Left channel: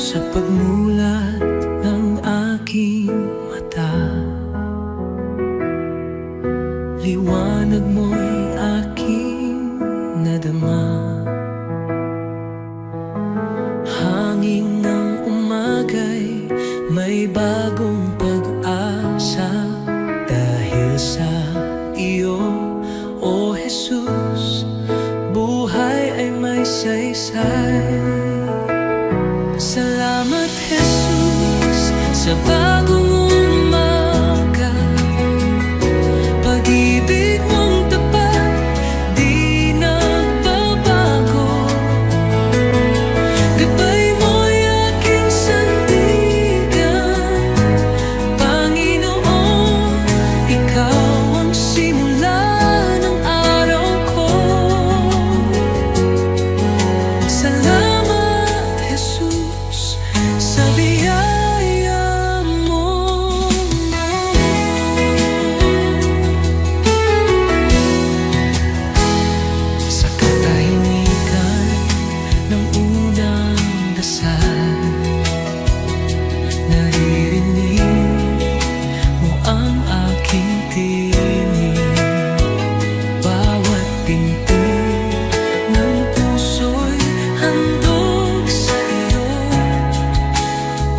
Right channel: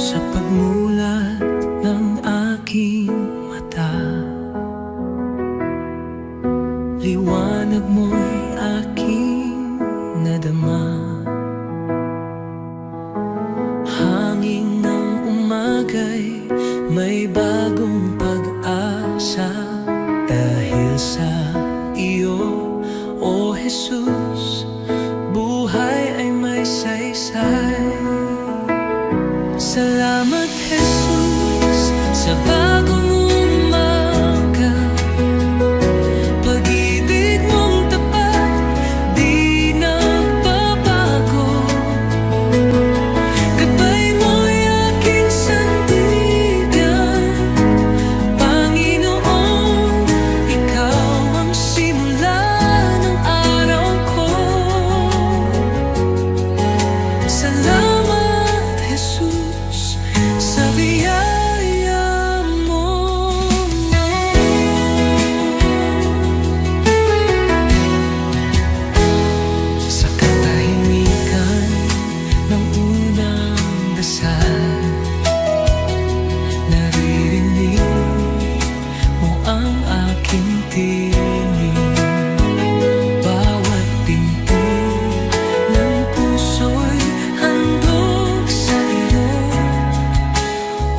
sa pagmulat ng aking mata. Liwanag mo'y aking nadama. Hangin ng umaga'y may bagong pag-asa. Dahil sa iyo, O Jesus, buhay ay may saysay. Salamat Jesus sa bagong umaga. Pag-ibig mong tapat, di nagbabago. Gabay mo'y aking sandigan. Panginoon, ikaw ang simula ng araw ko. Salamat Jesus sa biyaya mo. Sa katahimikan ng unang dasal, naririnig mo ang aking tinig. Bawat pinti ng puso'y handog sa iyo.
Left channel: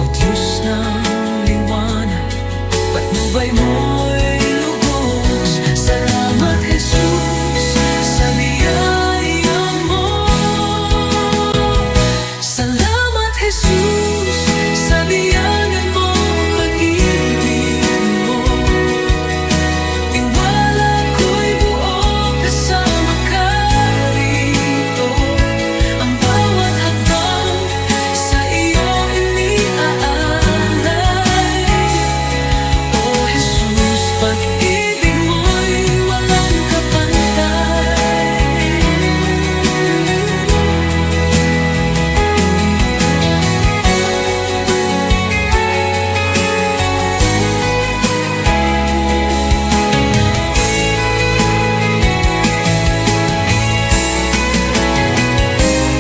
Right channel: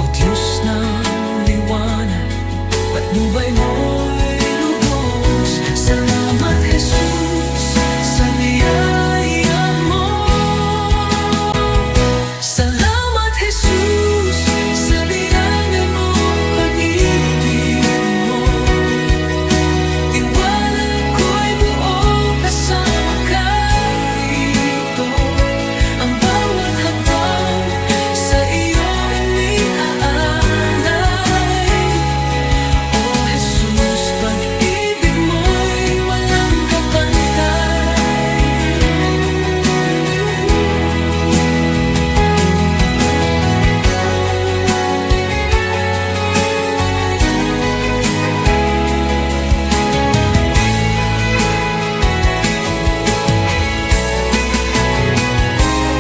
O Diyos ng liwanag, patnubay mo'y lubos. Salamat Jesus sa biyaya mo. Salamat Jesus sa biyaya mo, pag-ibig mo. Tiwala ko'y buo kasama ka rito. Ang bawat hakbang sa iyo iniaalay. O Jesus, pag-ibig mo'y walang kapantay.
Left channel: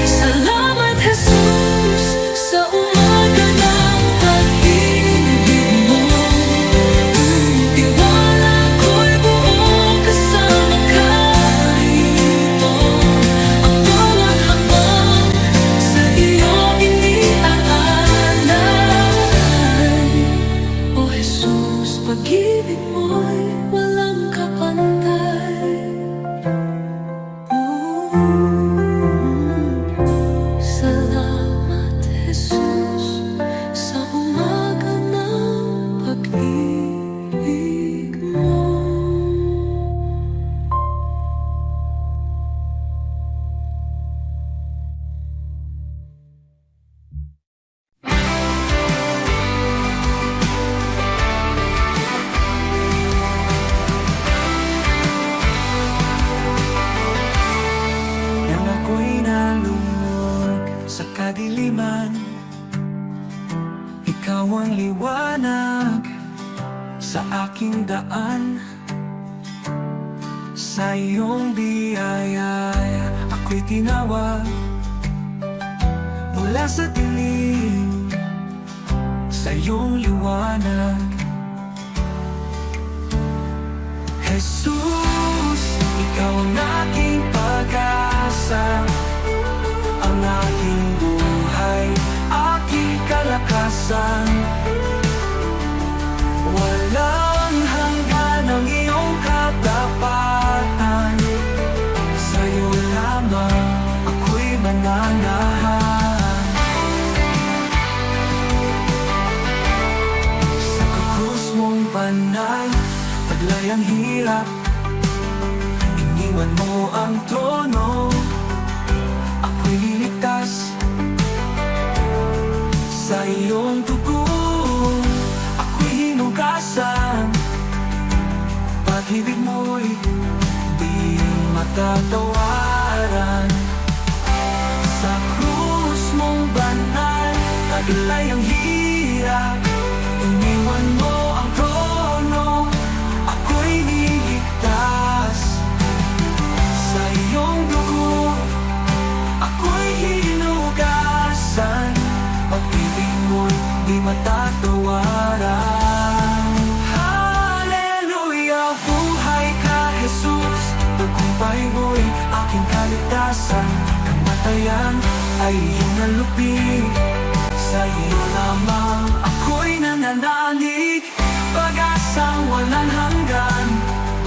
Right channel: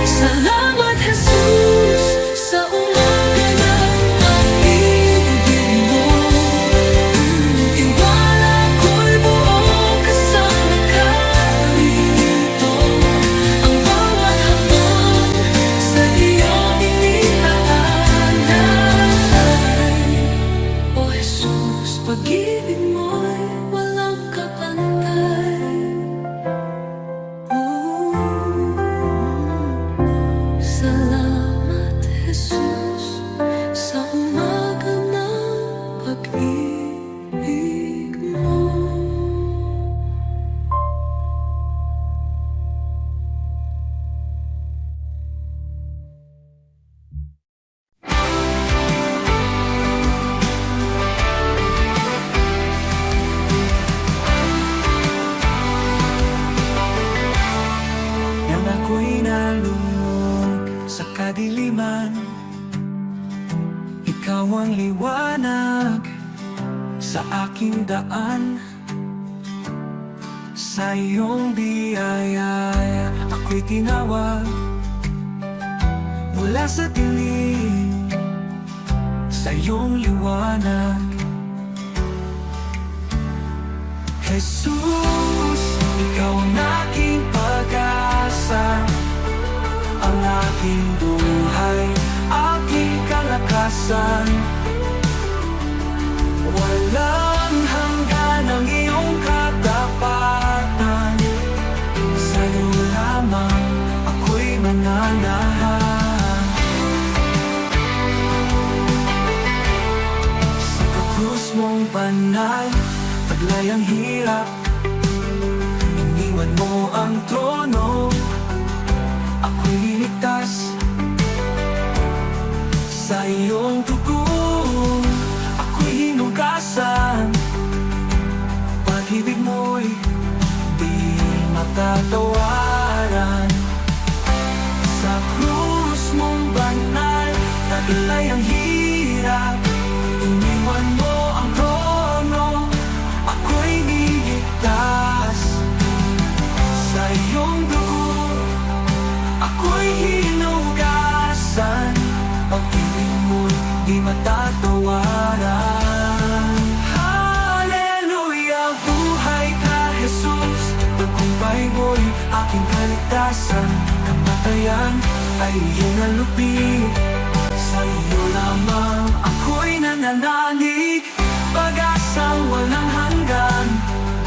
Salamat Jesus sa umaga ng pag-ibig mo. Tiwala ko'y buo kasama ka rito. Ang bawat hakbang sa iyo iniaalay. O Jesus, pag-ibig mo'y walang kapantay. Salamat Jesus sa umaga ng pag-ibig mo. Nang ako'y nalulog sa kadiliman, ikaw ang liwanag sa aking daan. Sa iyong biyaya ako'y tinawag mula sa dilim, sa iyong liwanag. Jesus, ikaw ang aking pag-asa, ang aking buhay, aking kalakasan. Walang hanggan ang iyong katapatan. Sa'yo lamang ako'y mananahan. Sa krus mong banal, taglay ang hirap. Iniwan mo ang trono, ako'y niligtas. Sa iyong dugo, ako'y hinugasan. Pag-ibig mo'y di matatawaran. Sa krus mong banal, taglay ang hirap. Iniwan mo ang trono, ako'y niligtas. Sa iyong dugo, ako'y hinugasan. pag-ibig mo'y di matatawaran. Hallelujah, buhay ka Jesus, tagumpay mo'y aking kaligtasan. Kamatayan ay iyong nalupi, sa iyo lamang ako'y nananalig. Pag-asang walang hanggan,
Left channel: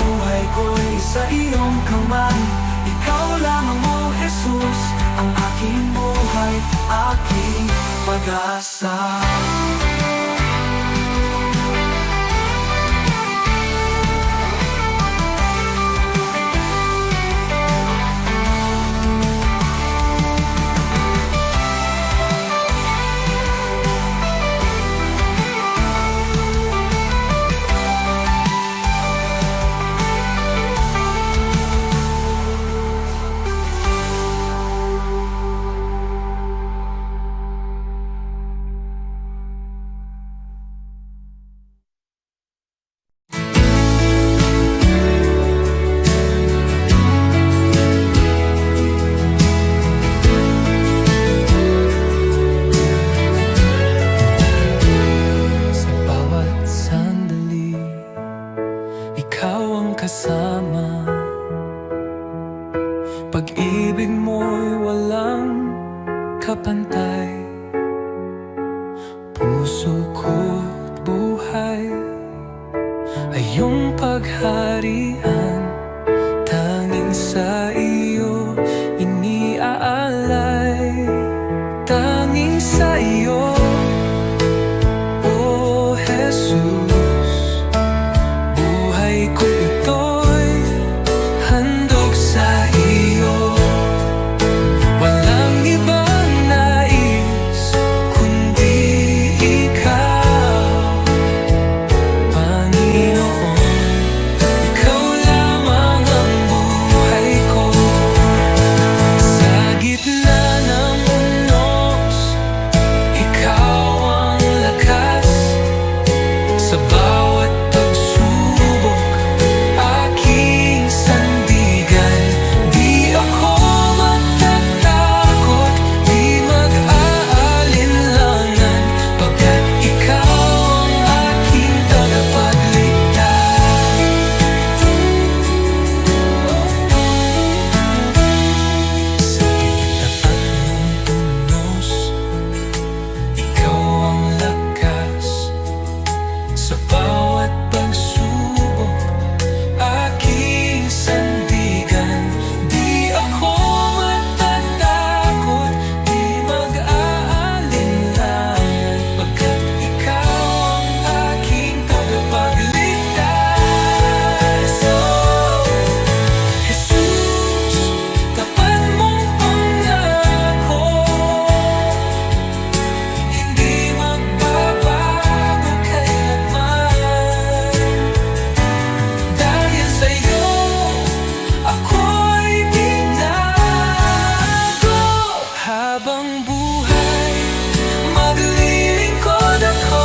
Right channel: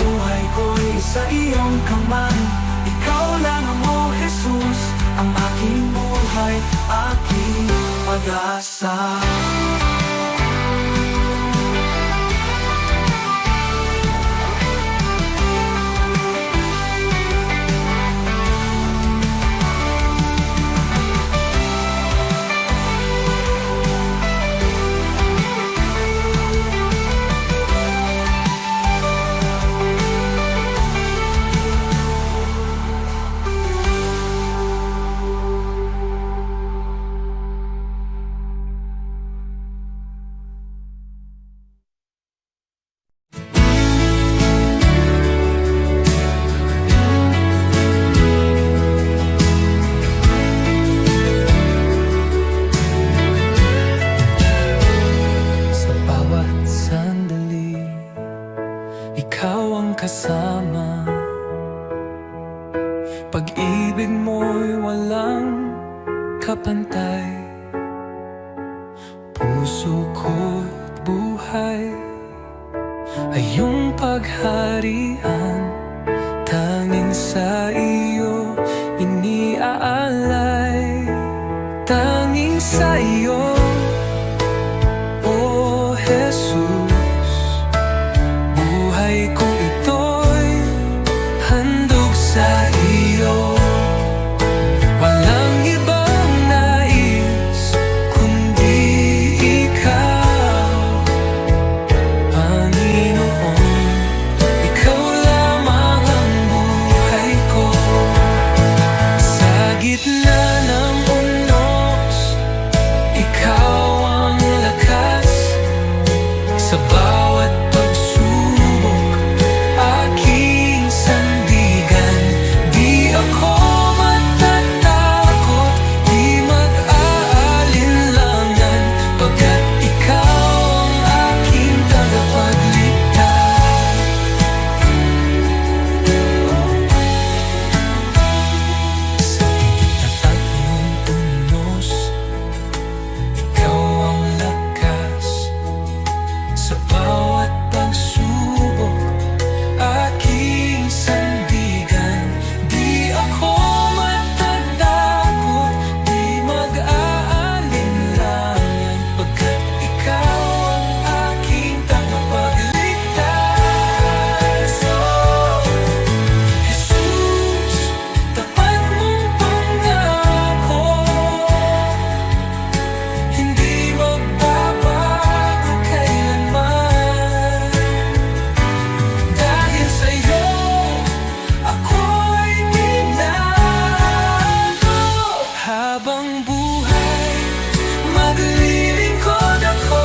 buhay ko'y sa iyong kamay. Ikaw lamang, O Jesus, ang aking buhay, aking pag-asa. Kasama, pag-ibig mo'y walang kapantay. Puso ko't buhay ay iyong pagharian, tanging sa iyo iniaalay. Tanging sa iyo, O Jesus, buhay kong ito'y handog sa iyo. Walang ibang nais kundi ikaw, Panginoon. Ikaw lamang ang buhay ko. Sa gitna ng unos, ikaw ang lakas. Sa bawat pagsubok, aking sandigan. Di ako matatakot, di mag-aalinlangan, pagkat ikaw ang aking tagapagligtas. Sa tapat mong unos, ikaw ang lakas. Sa bawat pagsubok, aking sandigan. Di ako matatakot, di mag-aalinlangan, pagkat ikaw ang aking tagapagligtas. Oh, Jesus, tapat mong pangako, hindi magbabago kailanman. Dahil sa'yo, ako'y binago. Habang buhay, maglilingkod ako.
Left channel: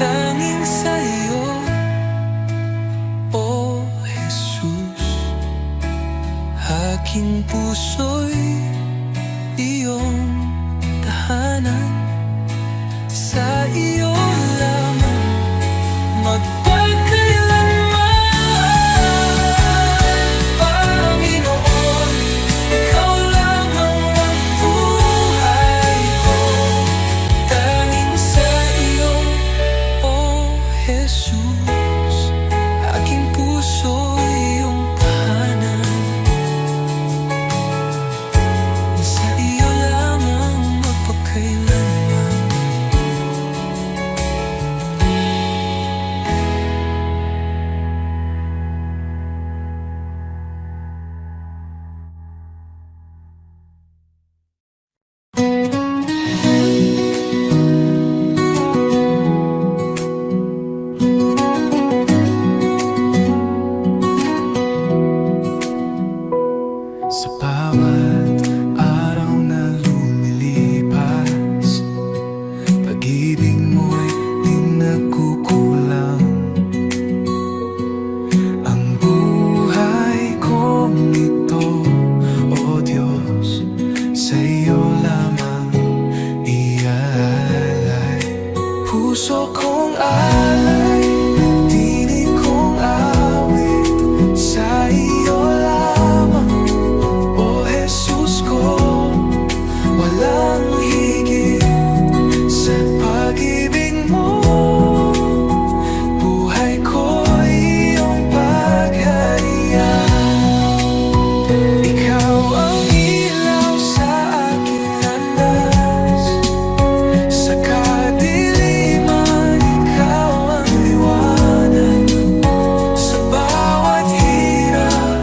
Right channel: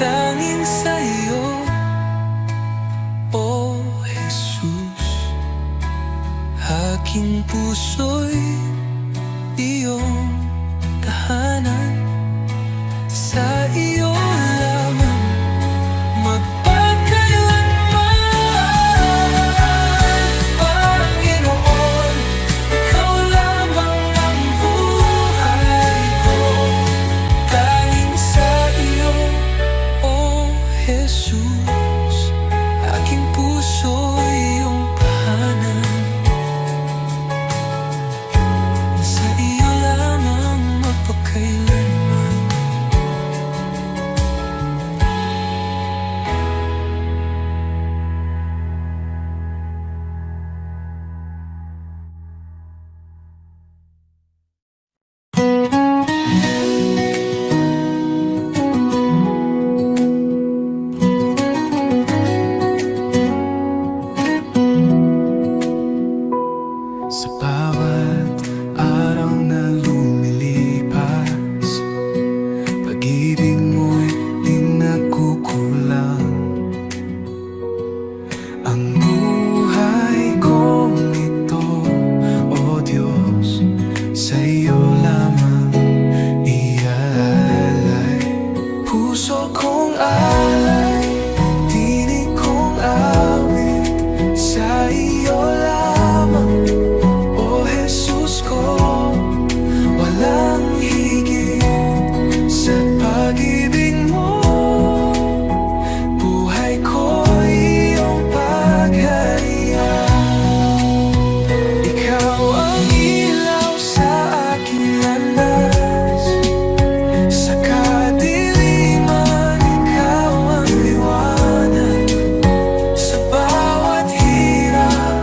Tanging sa'yo, O Jesus, aking puso'y iyong tahanan. Sa iyo lamang magpakailanman, Panginoon. Ikaw lamang ang buhay ko. Tanging sa iyo, O Jesus, aking puso'y iyong tahanan. Sa iyo lamang magpakailanman. Sa bawat araw na lumilipas, pag-ibig mo'y di nagkukulang. Ang buhay kong ito, O Diyos, Ikaw ang ilaw sa aking landas, sa kadiliman ikaw ang liwanag. Sa bawat hirap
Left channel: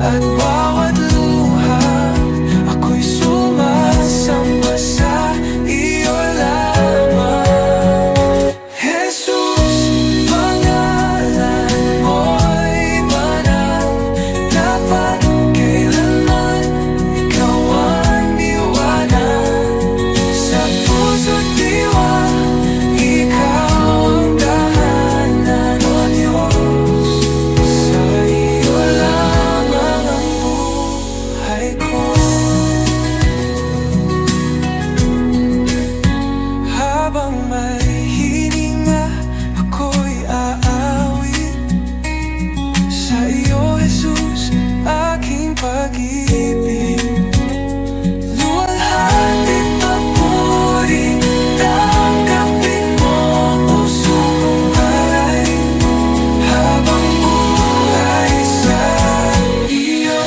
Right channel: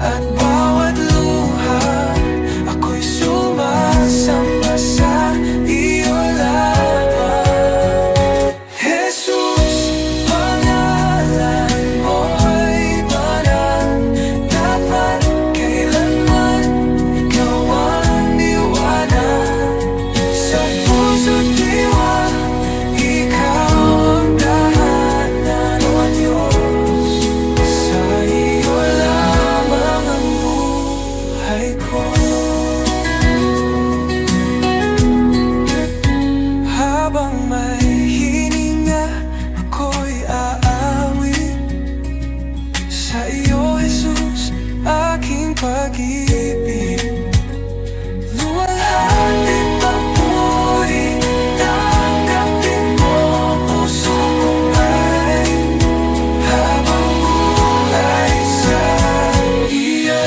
at bawat luha, ako'y sumasamba sa iyo lamang. Jesus, pangalan mo'y banal, dapat kailanman ikaw ang liwanag. Sa puso't diwa, ikaw ang tahanan, O Diyos. Sa iyo lamang ang buhay ko. Habang may hininga, ako'y aawit sa iyo, Jesus, aking pag-ibig. Luwalhati papuri, tanggapin mo puso kong ay habang buhay sa iyo.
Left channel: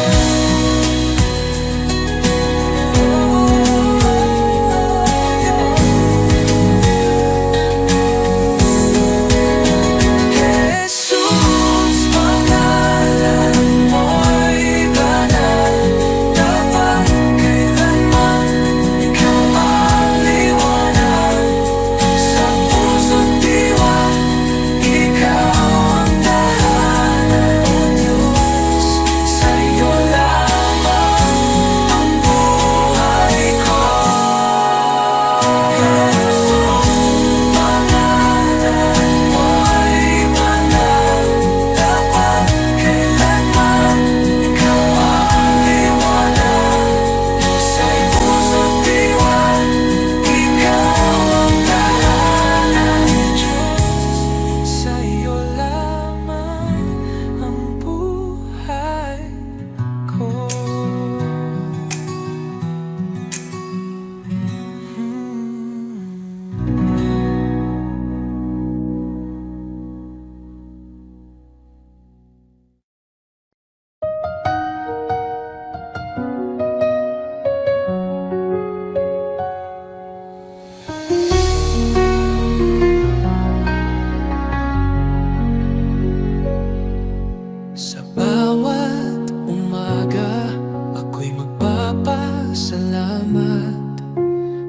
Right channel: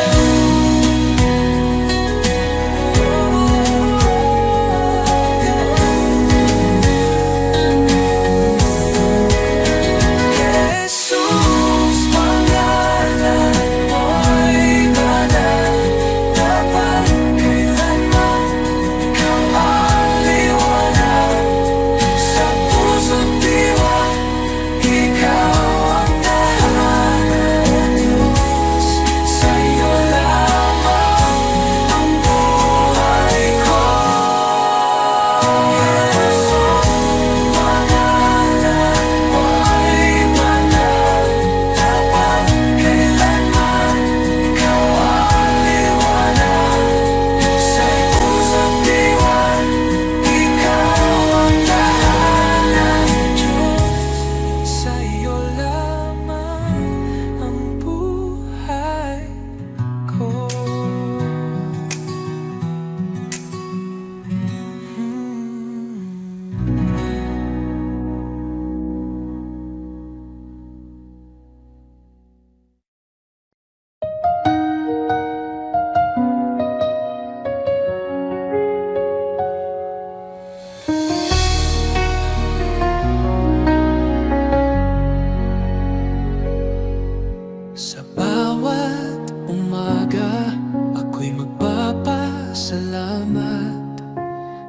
Sa bawat umaga, ako'y magpapasalamat.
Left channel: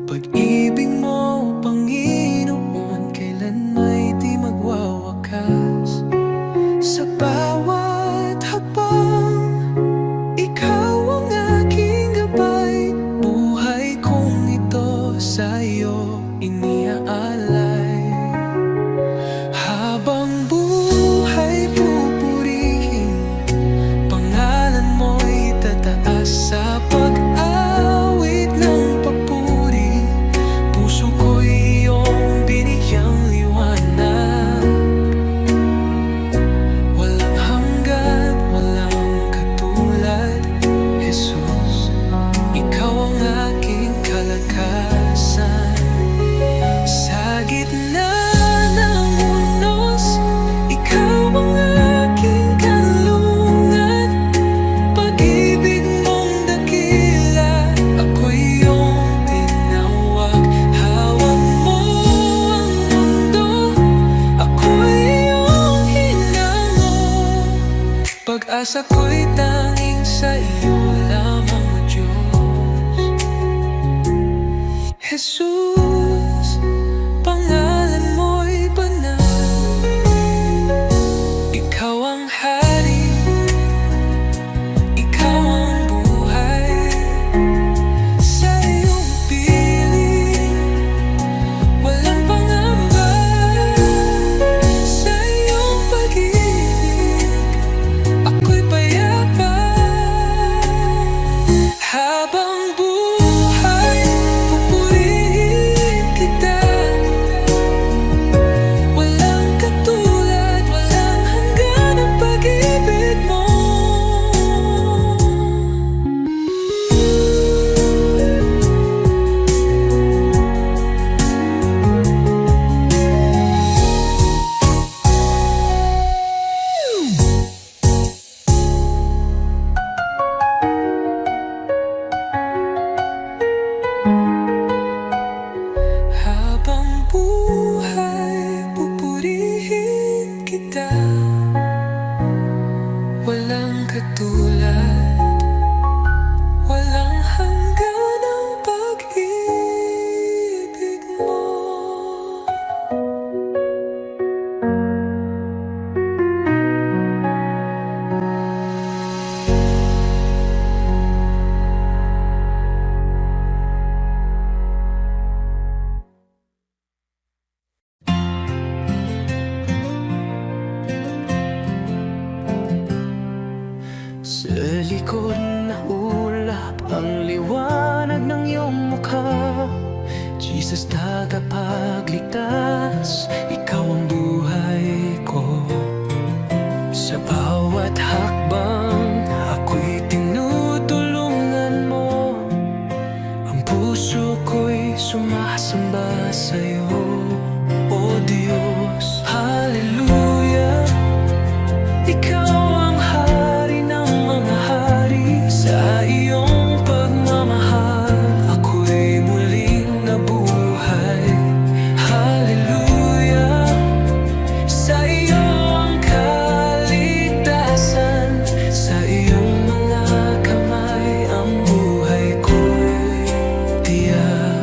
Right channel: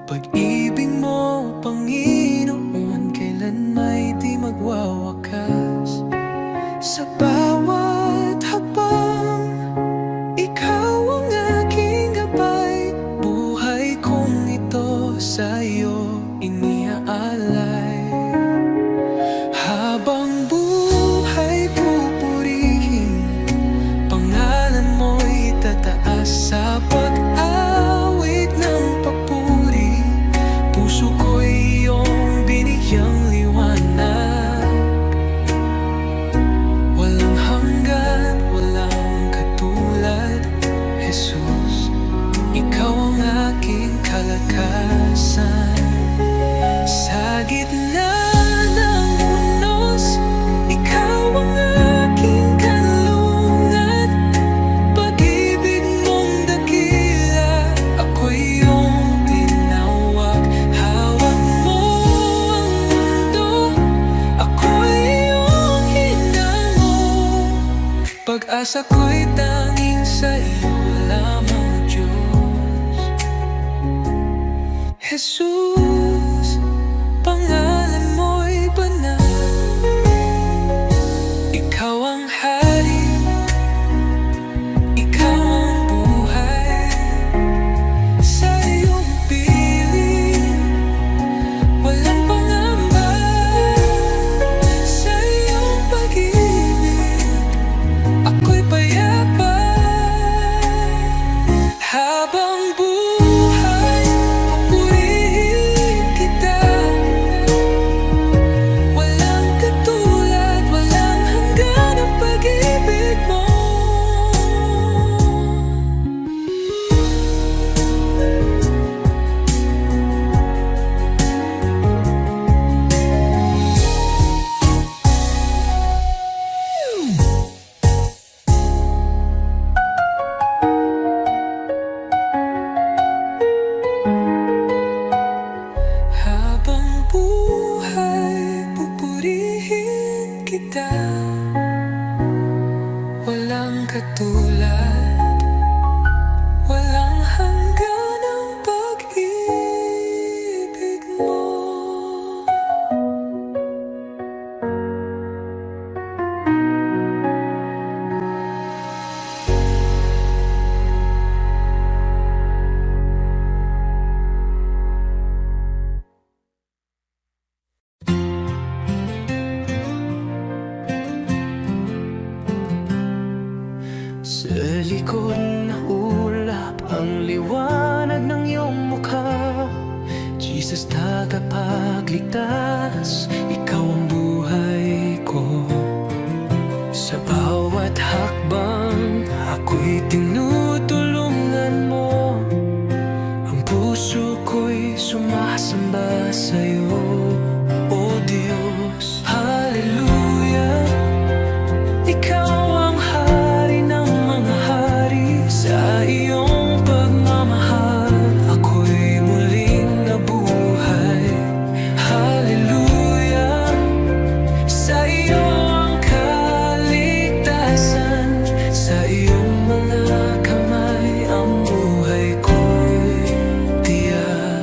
Pag-ibig mo, Panginoon, kailan may di magwawakas. Sa bawat hakbang, ikaw ang aking gabay. Buhay kong ito sa'yo iniaalay. Habang buhay pupurihin, pangalan mo'y tataas. Sa pag-awit ng papuri, puso ko'y iyong binigyang liwanag. Walang hanggan, walang katulad, Jesus. Ikaw ang aking kalakasan. Sa gitna ng unos, ikaw ang aking kanlungan. Pag-ibig mong dakila, ako'y iyong tinawag. Hawak mo ang mundo, ako'y iyong hinango. Pag-asa ko'y tanging sa iyo lamang, O Diyos. Jesus, pangalan mo'y banal. Ikaw ang hari, ikaw ang buhay. Sa iyong piling, walang pangamba. Sa iyong pag-ibig, ako'y payag. katulad, walang hanggan ang pag-ibig mo. Sa likod na ulap ang liwanag ng iyong mukha, Jesus, tagapagligtas, ikaw ang buhay ko. Sa bawat hakbang ako'y tinutulungan mo, ang puso ko'y sumasamba sa'yo. O Diyos, hallelujah, ikaw ang hari ng mga hari. Sa iyong pagmamahal ako'y muling nabuhay. Hallelujah, sa iyo ang kaligtasan, sa iyong mga kamay ang buhay ko'y tiyak.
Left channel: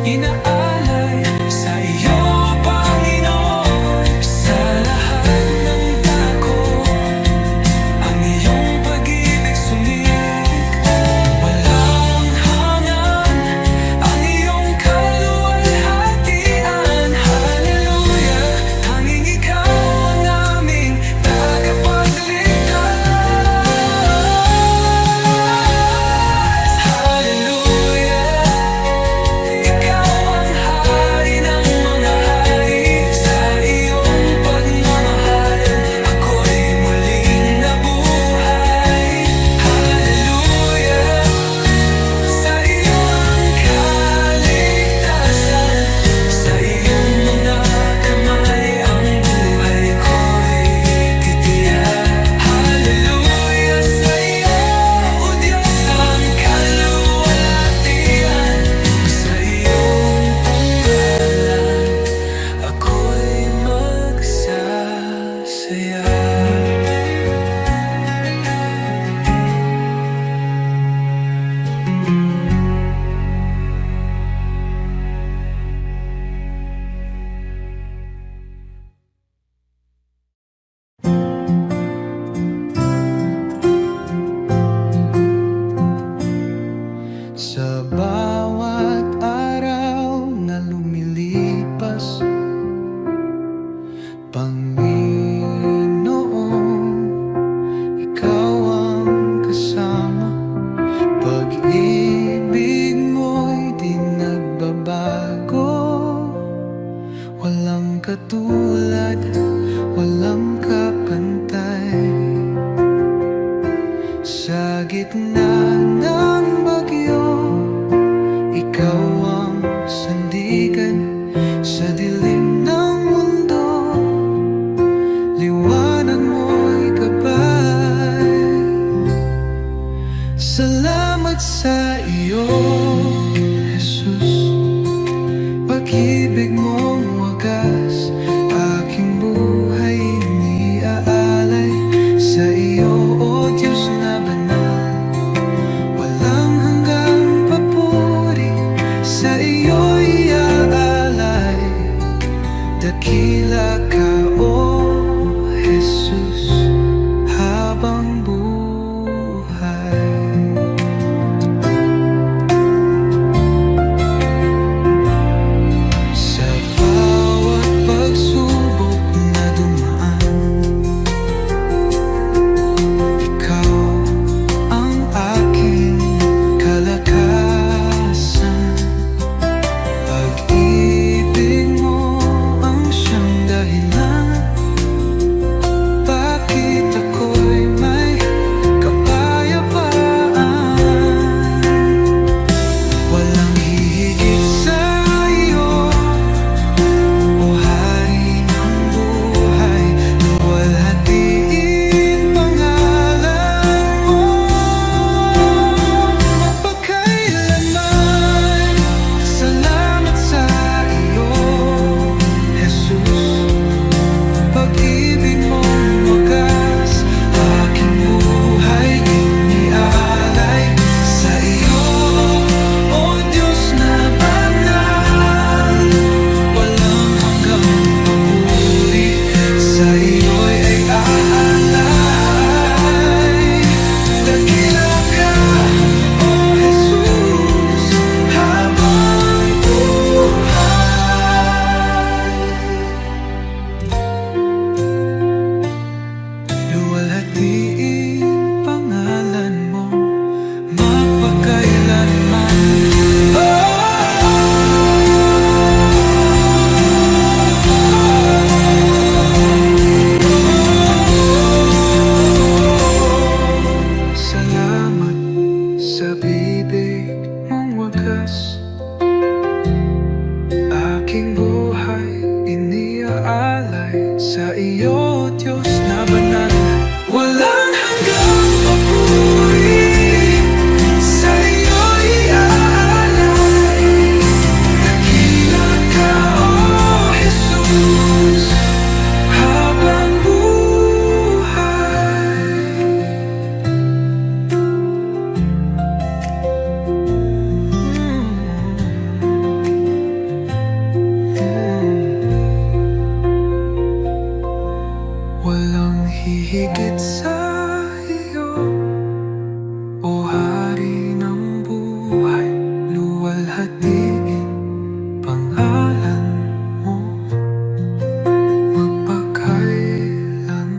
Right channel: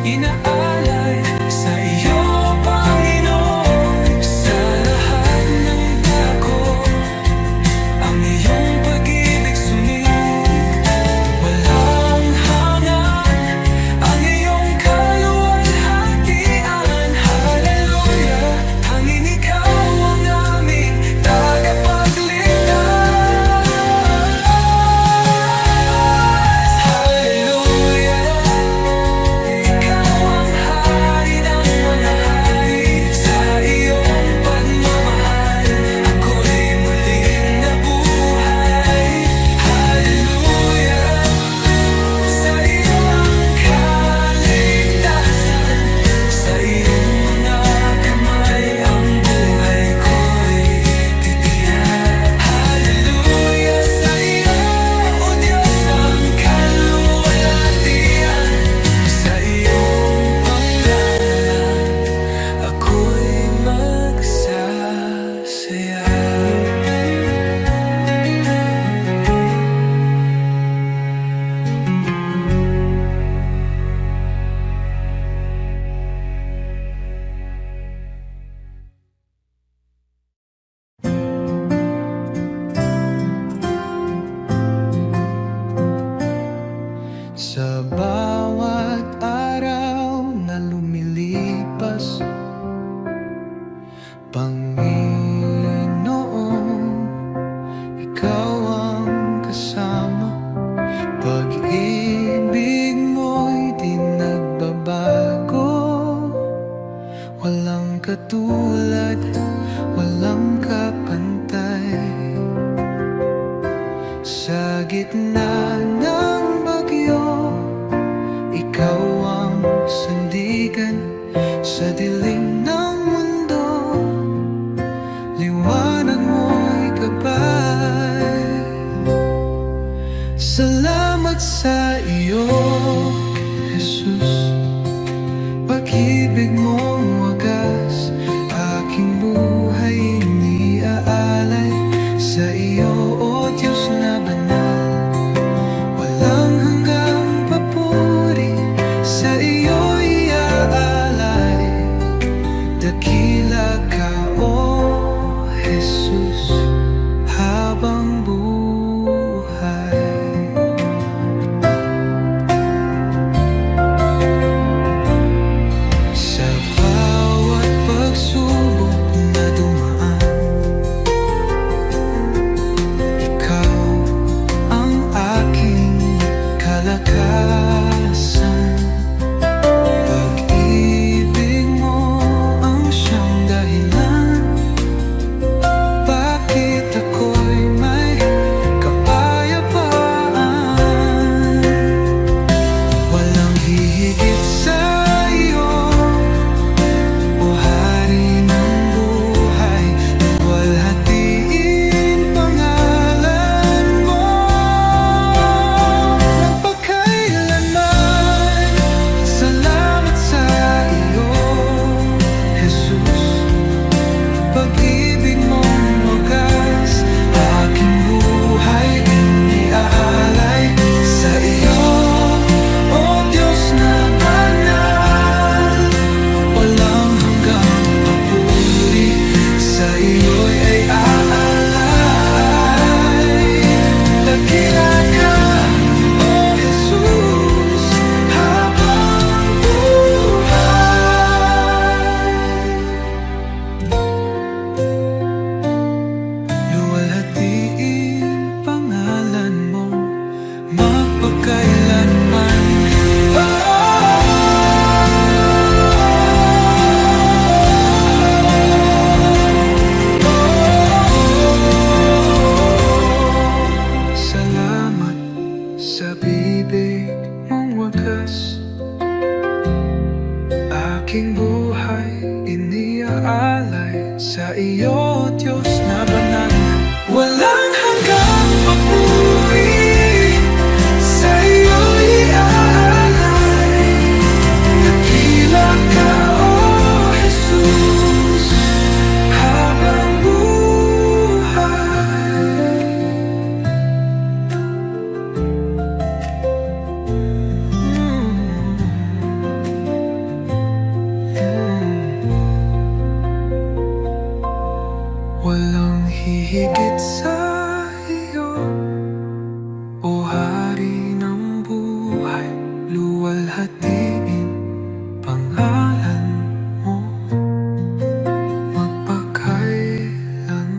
Inaalay sa iyo, Panginoon, sa lahat ng dako, ang iyong pag-ibig sumig, walang hangan, ang iyong kaluwalhatian. Hallelujah, tanging ikaw ang aming tagapagligtas. Hallelujah, sa bawat araw na lumilipas, Panginoon, ikaw ang kasama. Pag-ibig mo'y di nagbabago, walang katulad, walang kapantay. Sa gitna ng bagyo, ikaw ang sandigan. Sa dilim ng mundo, liwanag mo'y gabay. Salamat sa iyo, Jesus, pag-ibig mong wagas, aking buhay iniaalay sa iyo, O Diyos na banal. Walang hanggang papuri, sa iyo iaalay. Dakila ka, O Jesus, habang sa bibig mong wagas. Aking buhay iniaalay sa iyo, Diyos na banal. Walang hanggang papuri, sa iyo iaalay. Dakila ka, O Jesus, habang buhay. Walang hihigit sa iyo, O Hari ng buhay. Luwalhatiin pangalan mo magpakailan.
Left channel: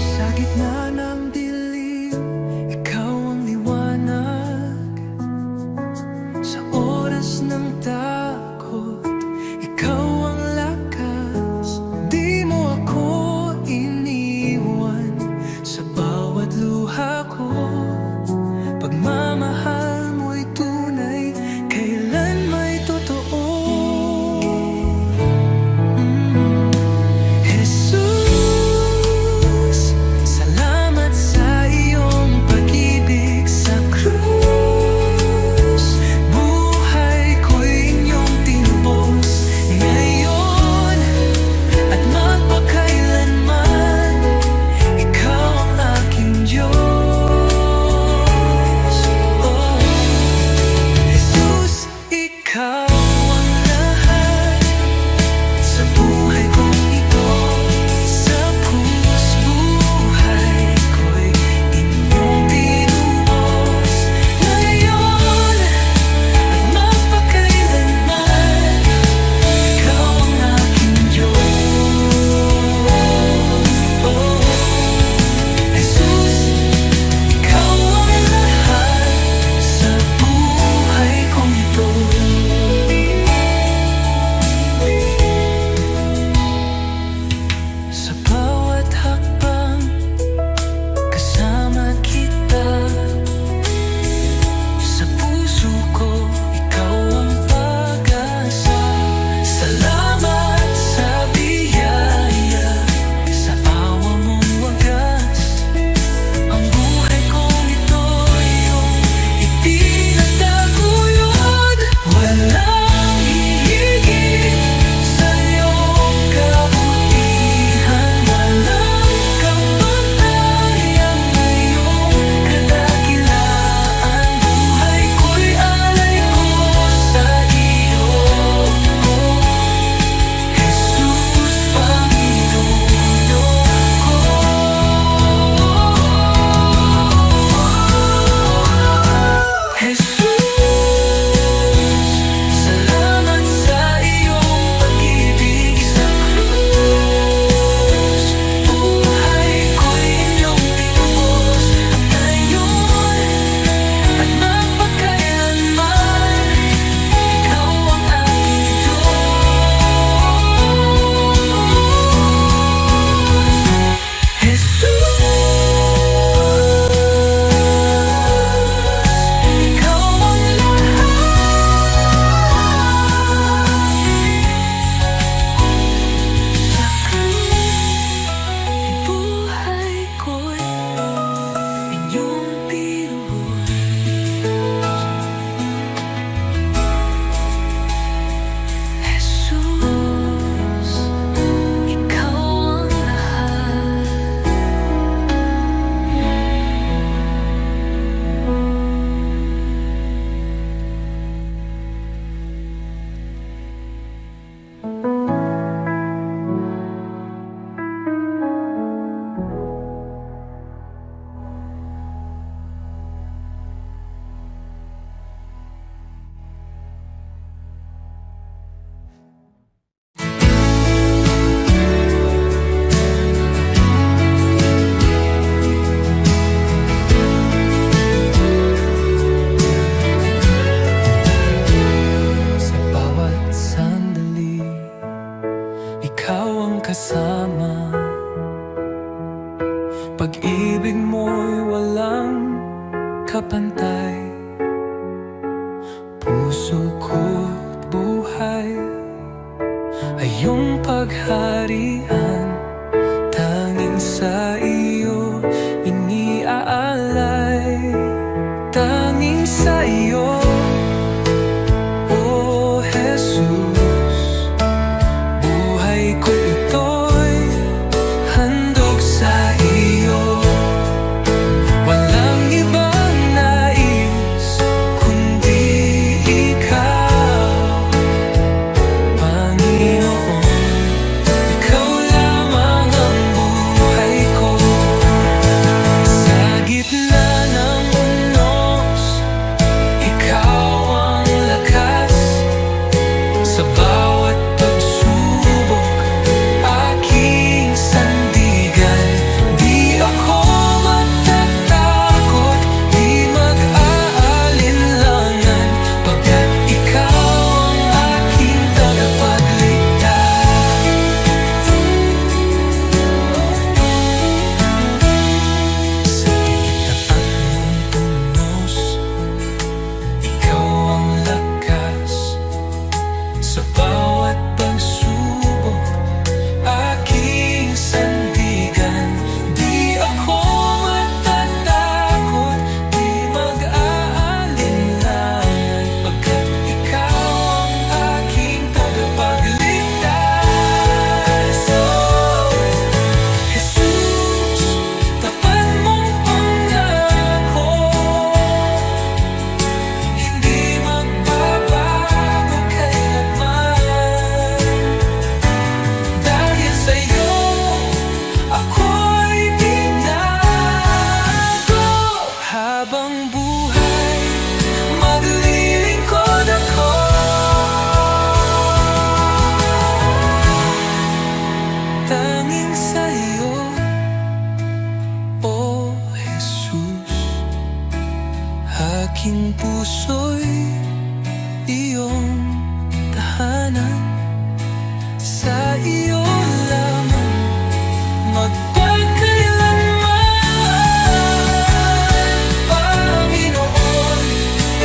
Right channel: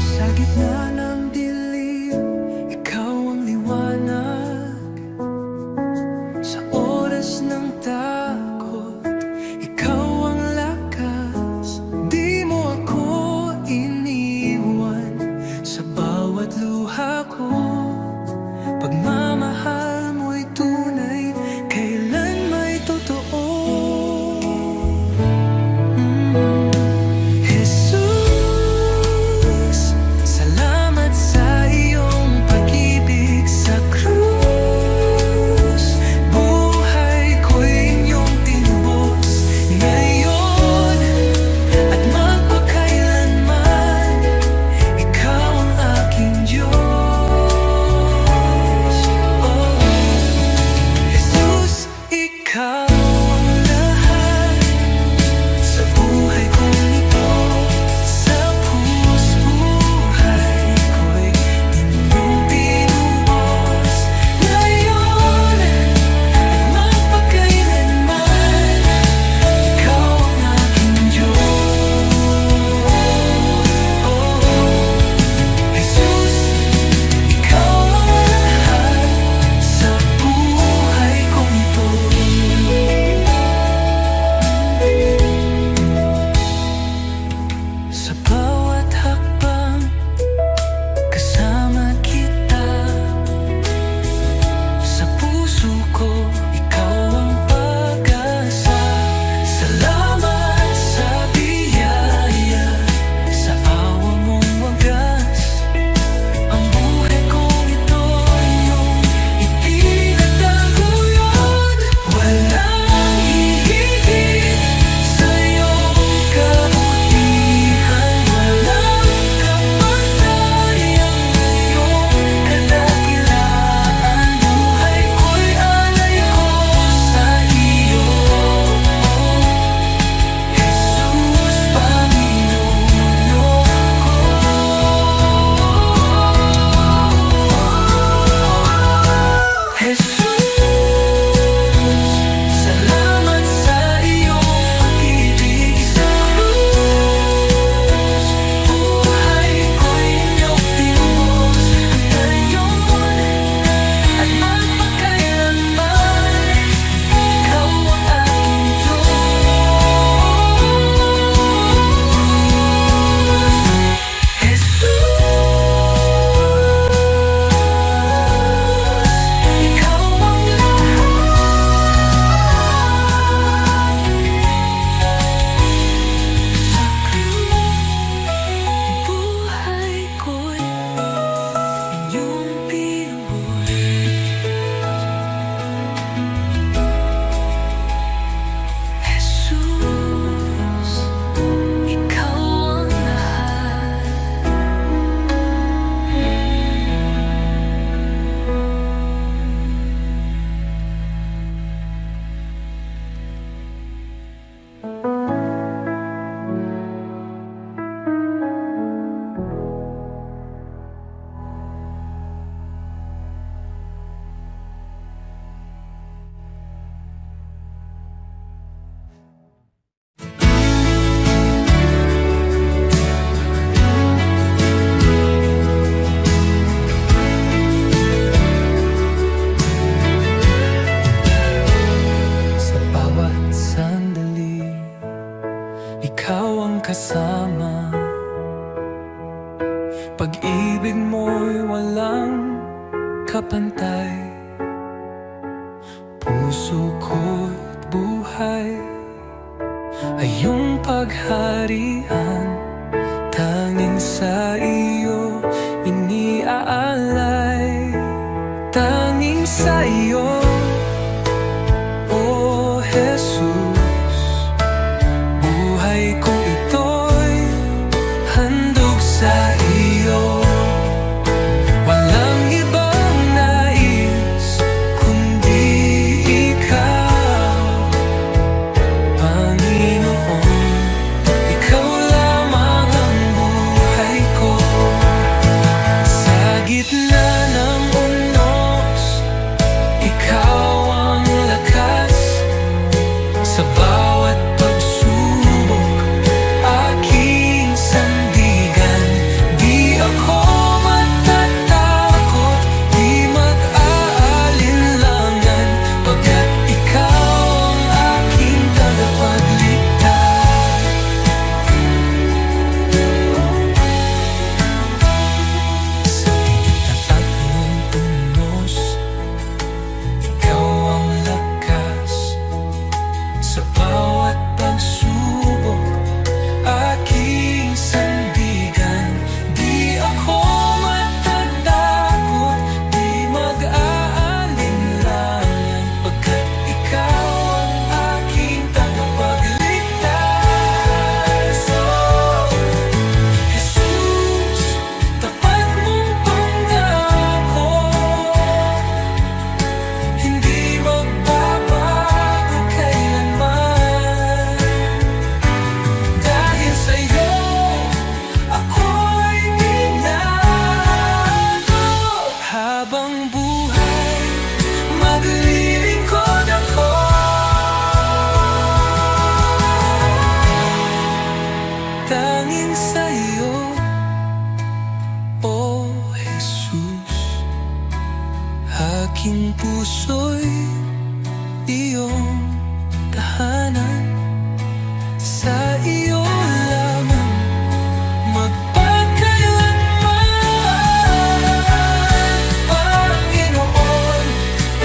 Sa gitna ng dilim, ikaw ang liwanag. Sa oras ng takot, ikaw ang lakas. Di mo ako iniwan sa bawat luha ko. Pagmamahal mo'y tunay, kailan may totoo. Jesus, salamat sa iyong pag-ibig sa krus. Buhay ko'y inyong tinubos ngayon at magpakailanman. Ikaw ang aking Diyos. Oh, Jesus, ikaw ang lahat sa buhay kong ito. Sa buhay ko'y inyong tinubos ngayon at magpakailanman. Ikaw ang aking Diyos. Oh, Jesus, ikaw ang lahat sa buhay kong ito. Sa bawat hakbang, kasama kita. Sa puso ko, ikaw ang pag-asa. Salamat sa biyaya, sa awa mong wagas. Ang buhay kong ito, iyong itinataguyod. Walang hihigit sa iyong kabutihan. Walang kapantay ang iyong kadakilaan. Buhay ko'y alay ko sa kasama. Pag-ibig mo'y walang kapantay. Puso ko't buhay ay iyong pagharian. Tanging sa iyo iniaalay. Tanging sa iyo, O Jesus, buhay ko ito'y handog sa iyo. Walang ibang nais kundi ikaw, Panginoon. Ikaw lamang ang buhay ko. Sa gitna ng unos, ikaw ang lakas. Sa bawat pagsubok, aking sandigan. Di ako matatakot, di mag-aalinlangan, pagkat ikaw ang aking tagapagligtas. Sa pagitapat ng unos, ikaw ang lakas. Sa bawat pagsubok, aking sandigan. Di ako matatakot, di mag-aalinlangan, pagkat ikaw ang aking tagapagligtas. Oh, Jesus, tapat mong pangako, hindi magbabago kailanman. Dahil sa'yo, ako'y binago. Habang buhay, maglilingkod ako. Tanging sa'yo, O Jesus, aking puso'y iyong tahanan. Sa iyo lamang magpakailanman, Panginoon.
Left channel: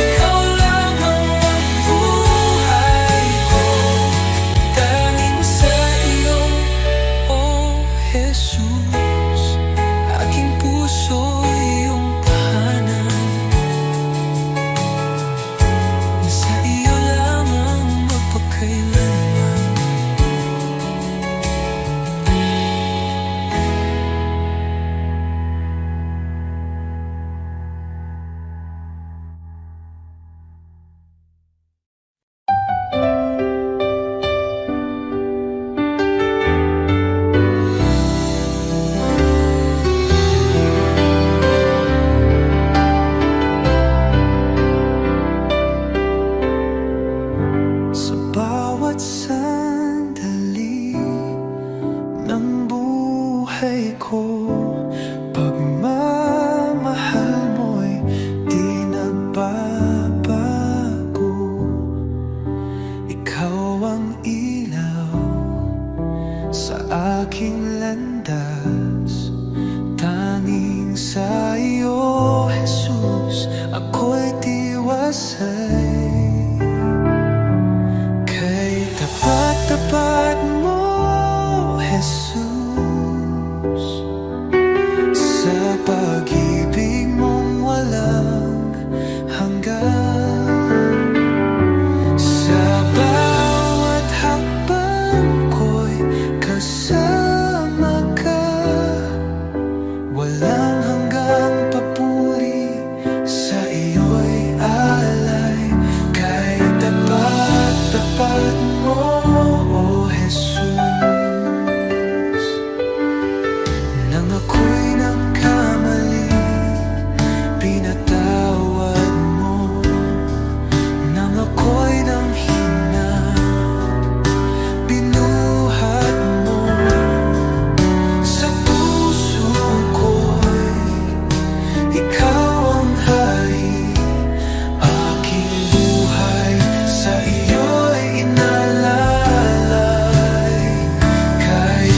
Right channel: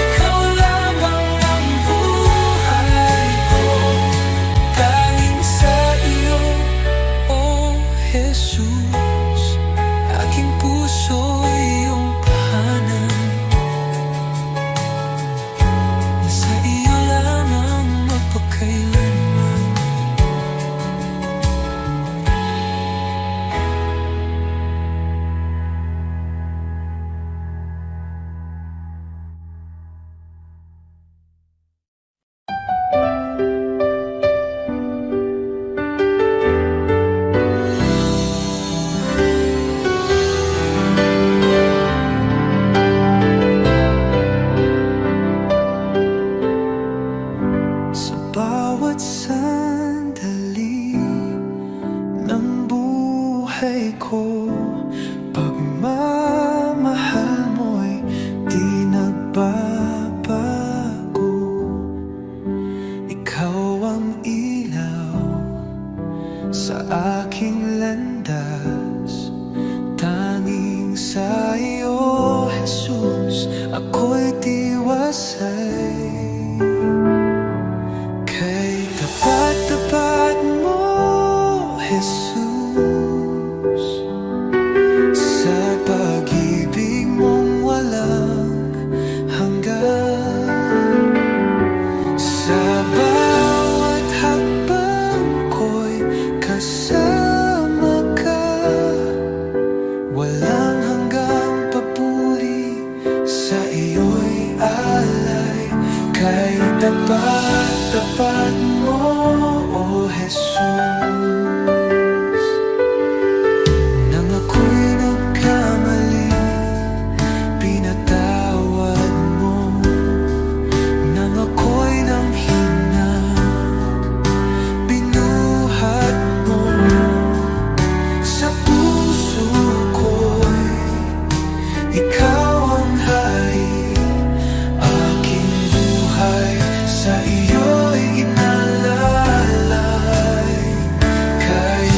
Ikaw lamang ang buhay ko. Tanging sa iyo, O Jesus, aking puso iyong tahanan. Sa iyo lamang magpakailanman. Bawat sandali ng buhay ko, pagmamahal mo'y di nagbabago. Ikaw ang ilaw sa aking landas. Tanging sa iyo, Jesus, ako'y tiwasay. Kay tapat-tapat mo, Jesus, sa pag-ibig mong walang hanggan. Sa bawat hakbang ko'y kasama ka. Walang hanggang papuri, sa iyo'y alay. Kay tapat-tapat mo, O Jesus. Nang ako'y nagkamali, pinatawad mo. Nang ako'y nanghina, binuhat mo. Sa puso ko'y ikaw ang hari. Aking buhay sa iyo'y inalalay. Kay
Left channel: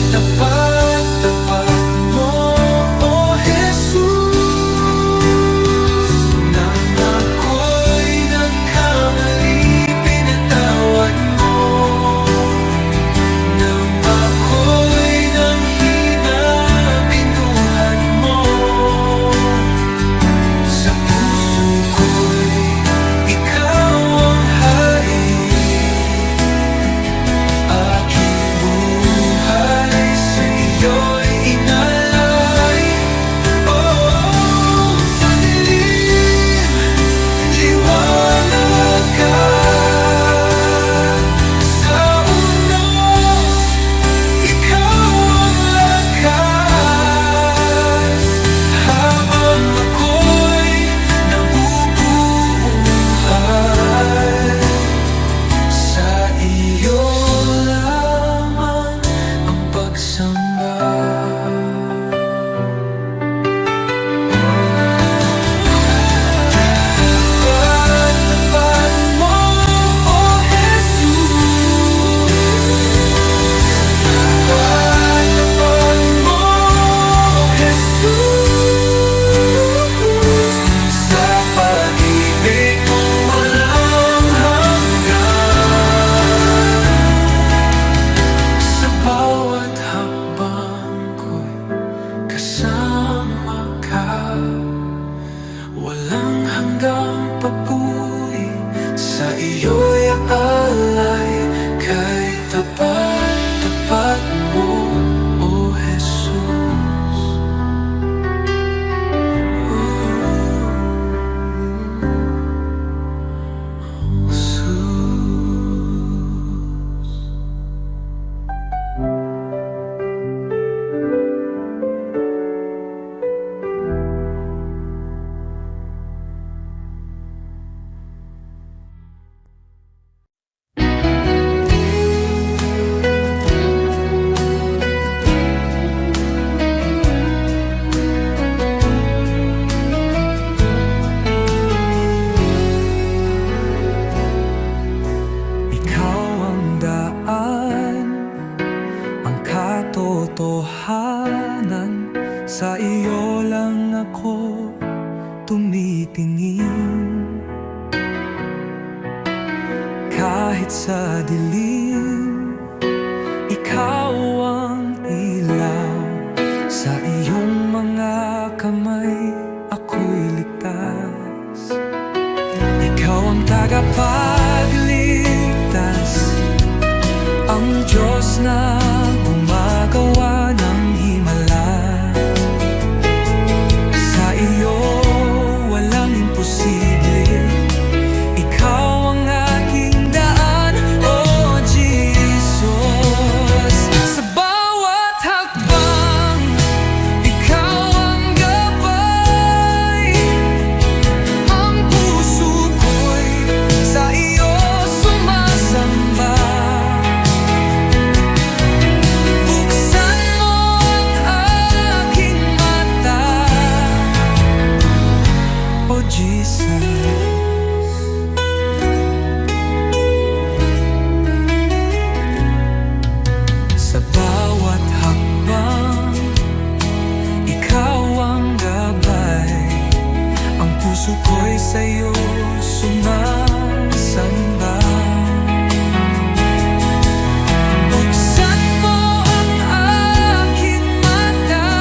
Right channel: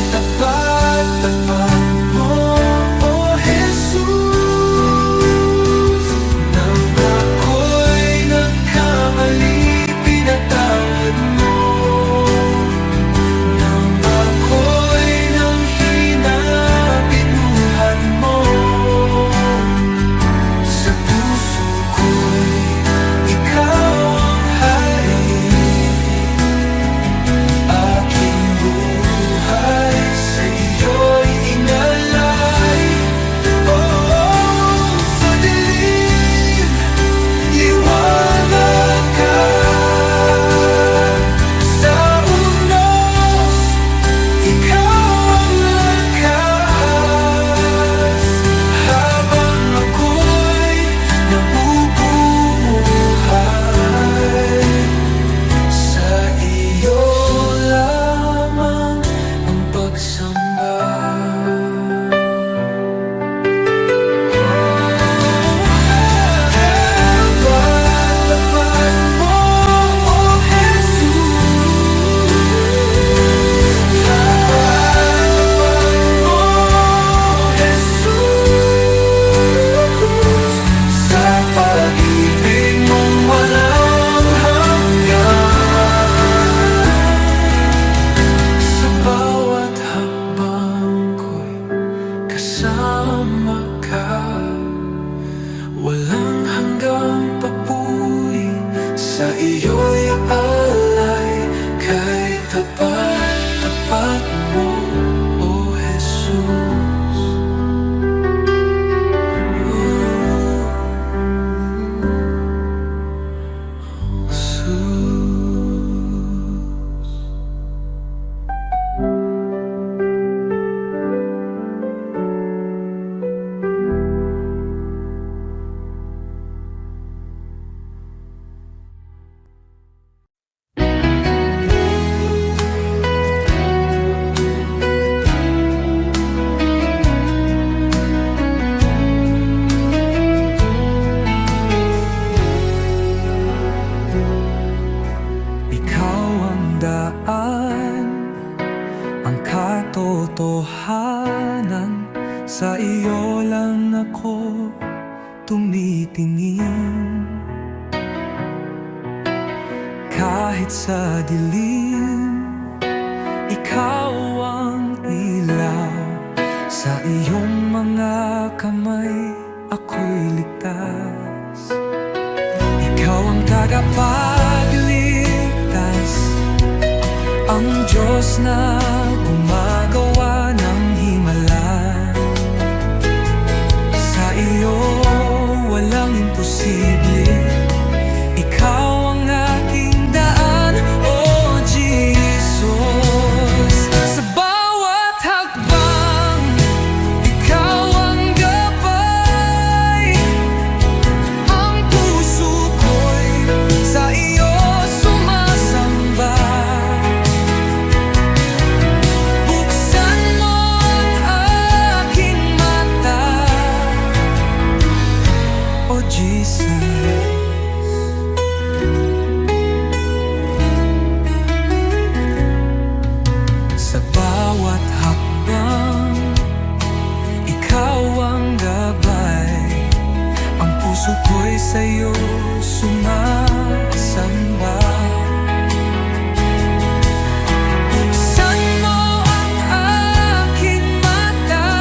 sa iyo'y alay, kay tapat-tapat mo, O Jesus. Ang katotohanan, sa iyo lang ako tumitingin. Kahit sa dilim, ikaw ang ilaw. Sa iyong mga kamay, ako'y ligtas. Ikaw ang tagapagligtas, ang Diyos na gumagawa ng himala. Sa iyo walang imposible, ikaw ang aking daan, O Jesus. Sa bawat hakbang, ikaw ang gabay. Ang puso ko'y sa iyo sumasamba. Oh Jesus, sa bawat hakbang, ikaw ang gabay. Ang puso ko'y sa'yo sumasamba. Buksan mo ang aking mata,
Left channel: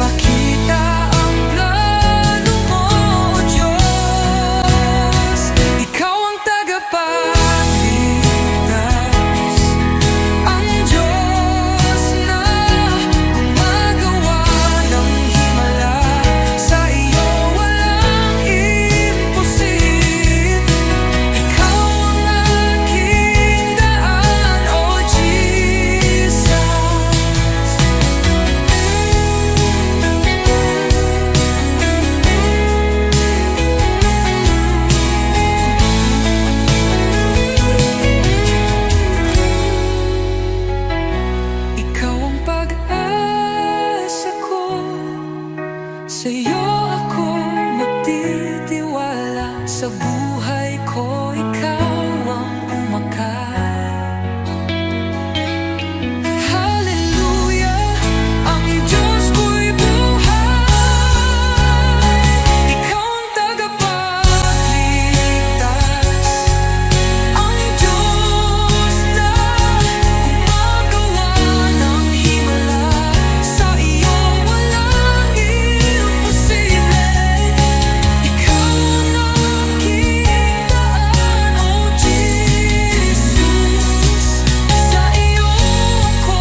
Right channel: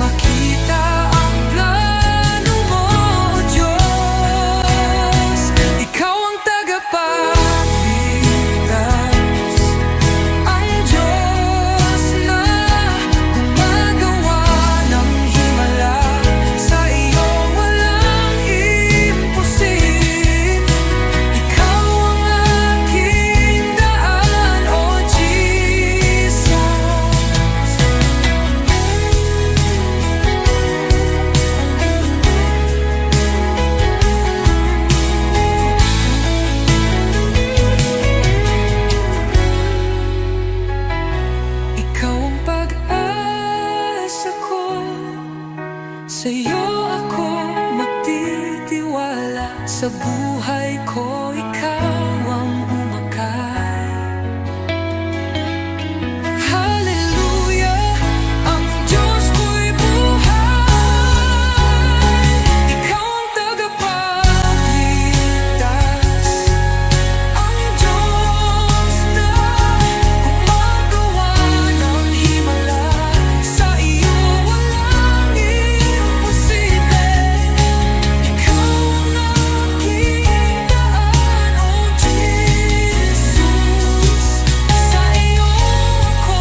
makita ang plano mo, O Diyos. Ikaw ang tagapagligtas, ang Diyos na gumagawa ng himala. Sa iyo walang imposible, ikaw ang aking daan, O Jesus. Ikaw ang pag-asa ko, sa iyo ako magtitiwala. Sa buhay ko, ikaw ang umakay. Hallelujah, ang Diyos ko'y buhay. Ikaw ang tagapagligtas, ang Diyos na gumagawa ng himala. Sa iyo walang imposible, ikaw ang aking daan, O Jesus. Sa iyo ako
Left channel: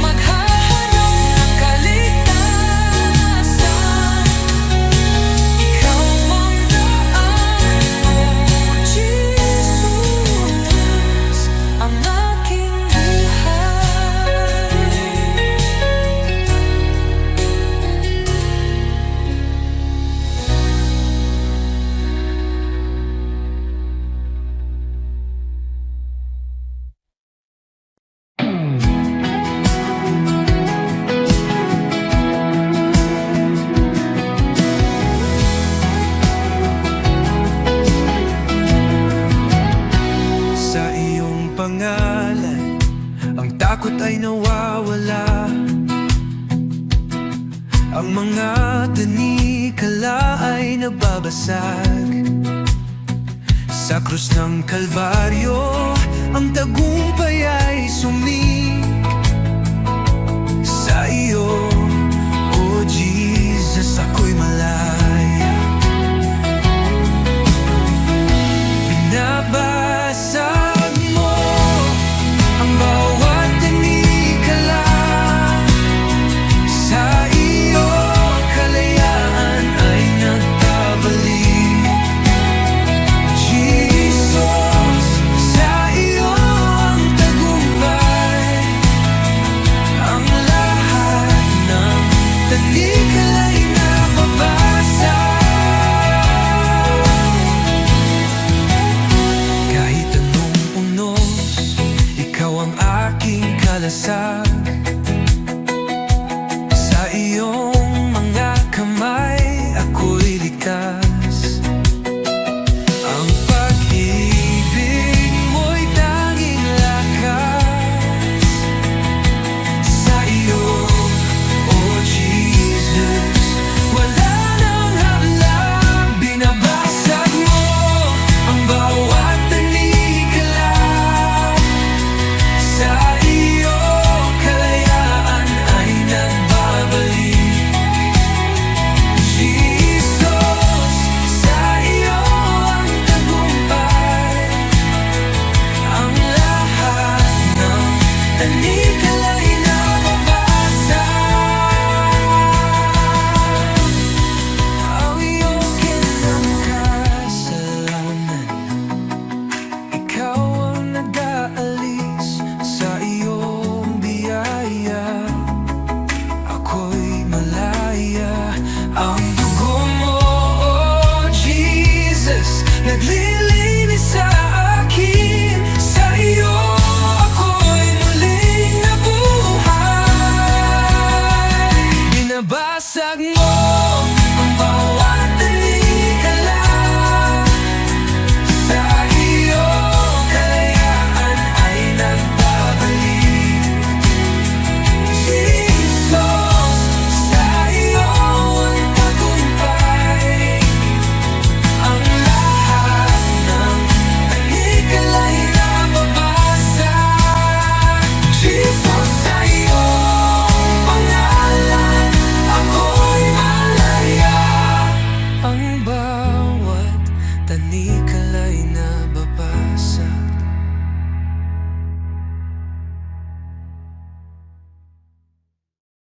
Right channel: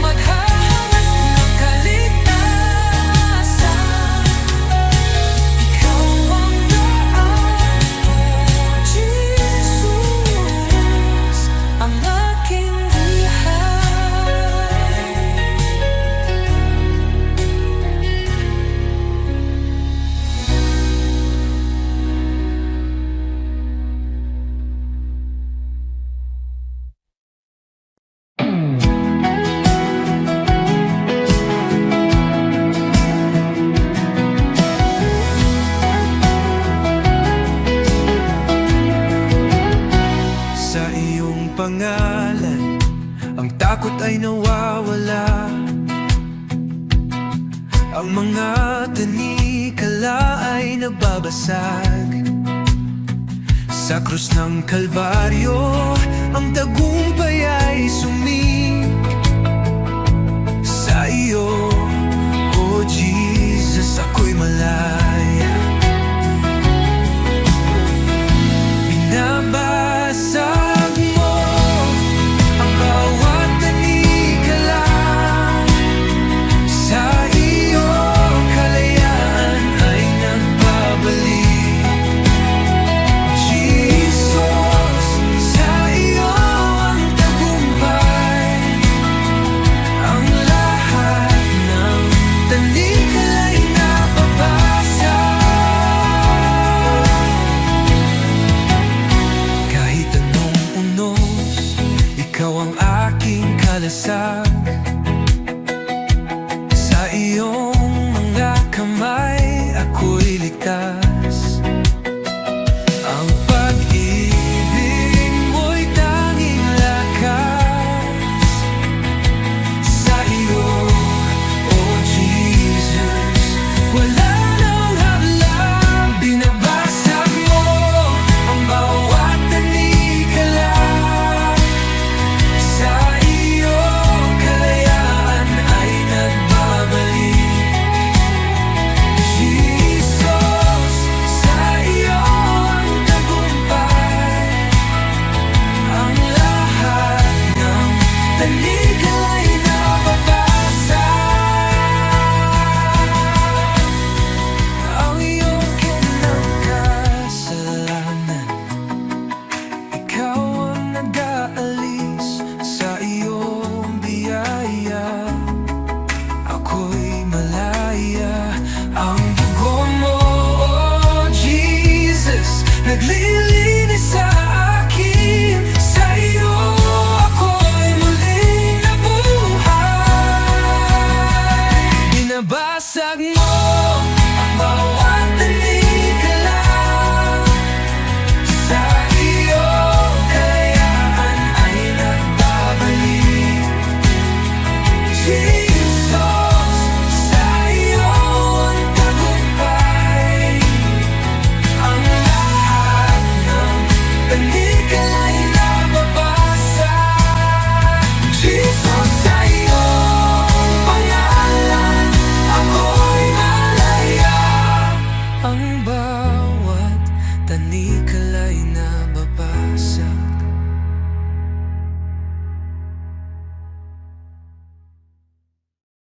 maghahanap ng kaligtasan. Ikaw ang daan, O Jesus, ang aking buhay. Sa iyong pangalan, ang takot ay nawawala. Ang mga tanikala ay nababasag. Sa krus ng Kalbaryo, ang tagumpay ay sumik. Sa iyo, O Jesus, ako'y malaya. paglalasag. Sa iyong mga kamay ako'y ligtas.